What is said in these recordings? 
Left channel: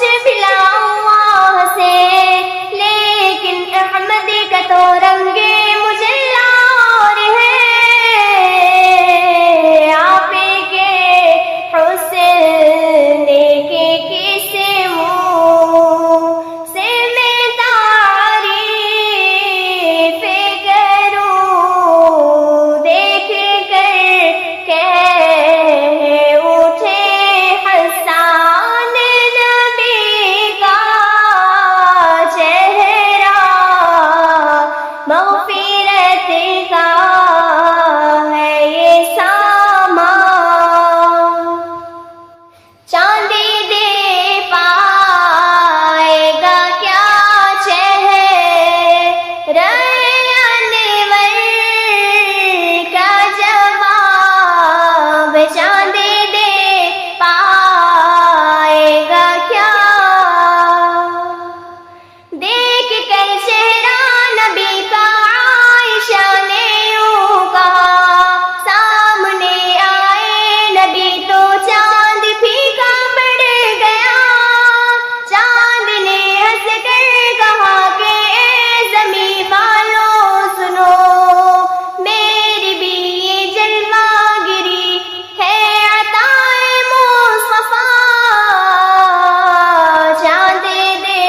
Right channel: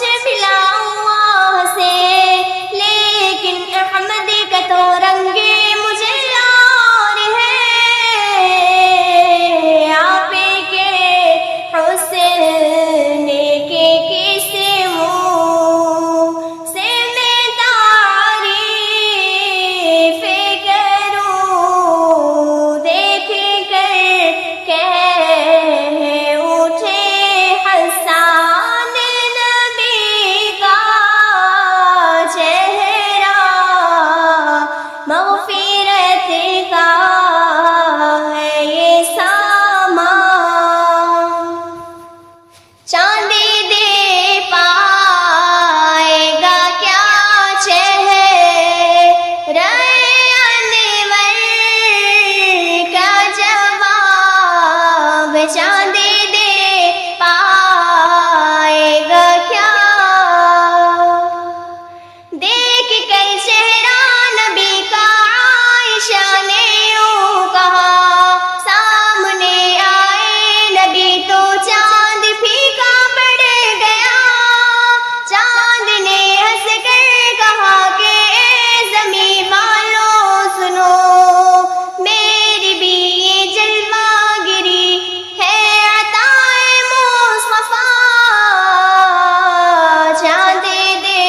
مجھے ملا اللہ سے، لیکن احمد کا تو رنگ مجھے یار ہے، آپ کے حسن کے کس منہ سے میں تعریف کروں، دیکھ کر کہہ اٹھے حسان نبی کا چہرہ مغفرت کا ہے یہ سامان، چاند دے پائے گا کیا چہرہ انور کا جواب، چاند دے پائے گا کیا، دیکھ کر چہرہ نبی کا عائشہ نے یوں کہا، سامنے آئے نبی تو چاند پھیکا پڑ گیا، چاند نے ہنس کر کہا کہ اے زمین والوں سنو، میری بھی یہ جلوہ گری ہے عطائے مصطفیٰ، چاند دے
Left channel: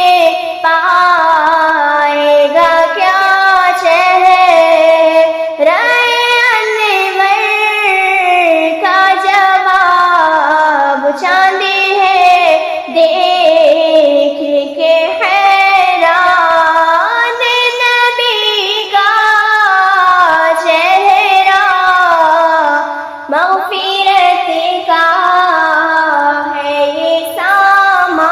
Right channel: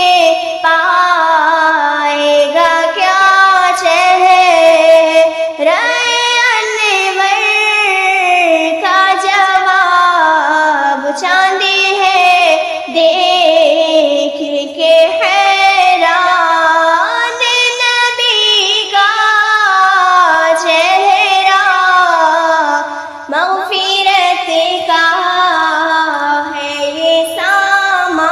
پائے گا کیا چہرہ انور کا جواب، چاند ہے دیکھ کے حیران نبی کا چہرہ مغفرت کا ہے یہ سامان،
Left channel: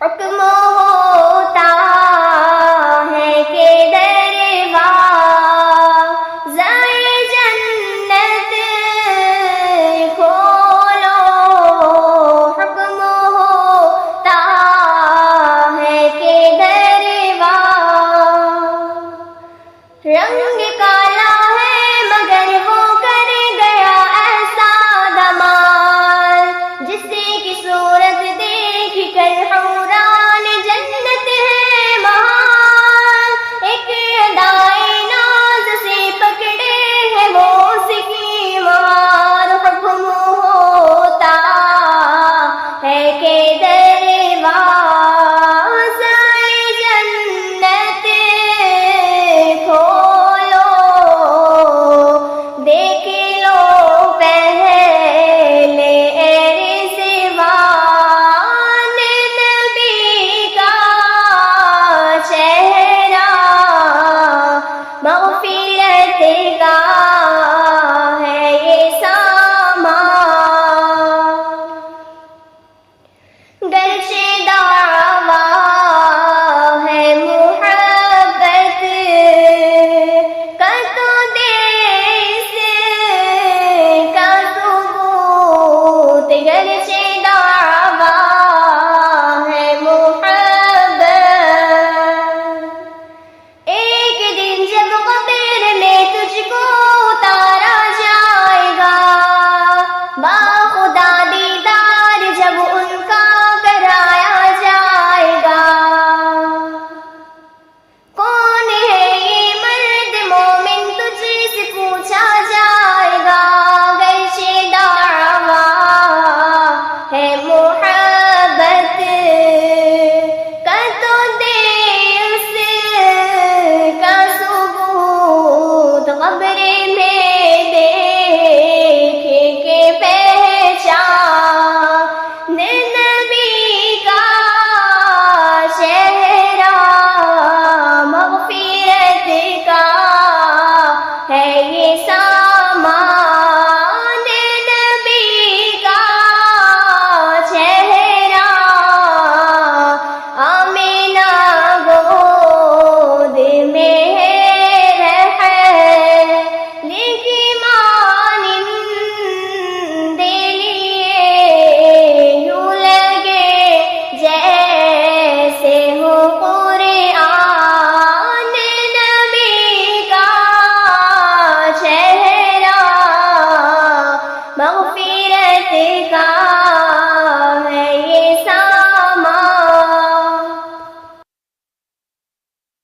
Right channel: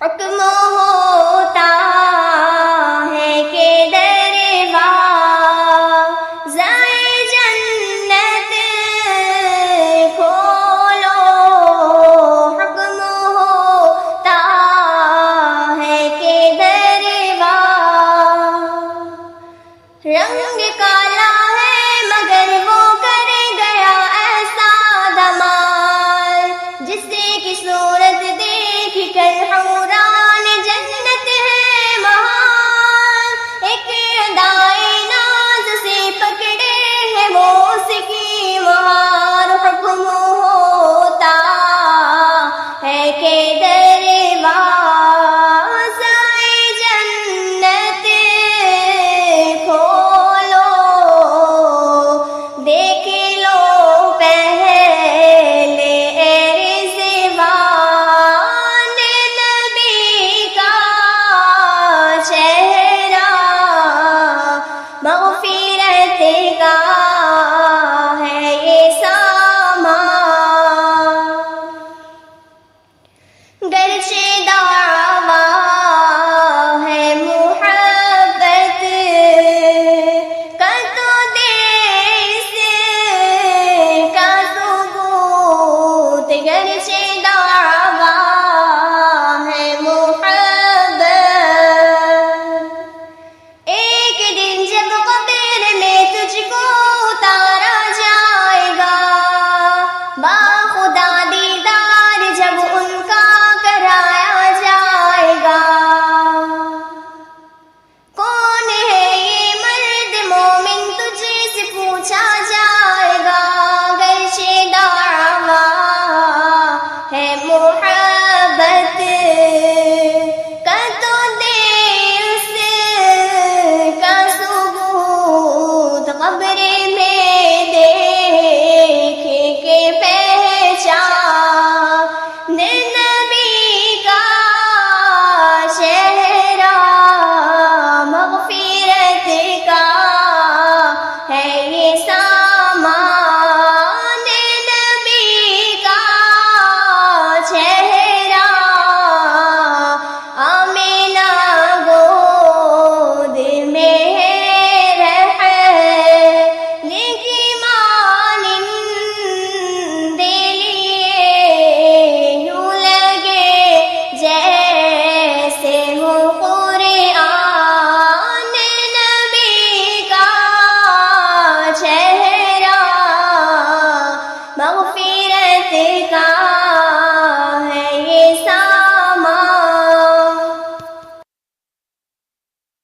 حکم ہوتا ہے کہ دروازۂ جنت کھولو، حکم ہوتا ہے کہ رنگ کالا ہے مگر وہ کر گیا ایسا دمال، جس کی صورت دیکھ کر حوران جنت ہے محال، ایک ادائے ناز سے پکڑے ہے وہ اس کی مہار، حکم ہوتا ہے کہ دروازۂ جنت کھولو، دیکھ لو پہلے رضوان نبی کا چہرہ مغفرت کا ہے یہ سامان، گرچہ دعویٰ ہے محبت کا تو دے اس کا ثبوت، گرچہ دعویٰ ہے محبت، ایک دن جب قبر میں تجھ کو اتارا جائے گا، باخدا دیدار جب ان کا کرایا جائے گا، کون ہے یہ مرد مومن تجھ سے پوچھا جائے گا، گرچہ دعویٰ ہے محبت کا تو دے اس کا ثبوت، قبر میں دیکھ کے پہچان نبی کا چہرہ مغفرت کا ہے یہ سامان، نبی کا چہرہ آمینہ گود میں مانند لیے یوں لگے جیسے ہو قرآن نبی کا چہرہ مغفرت کا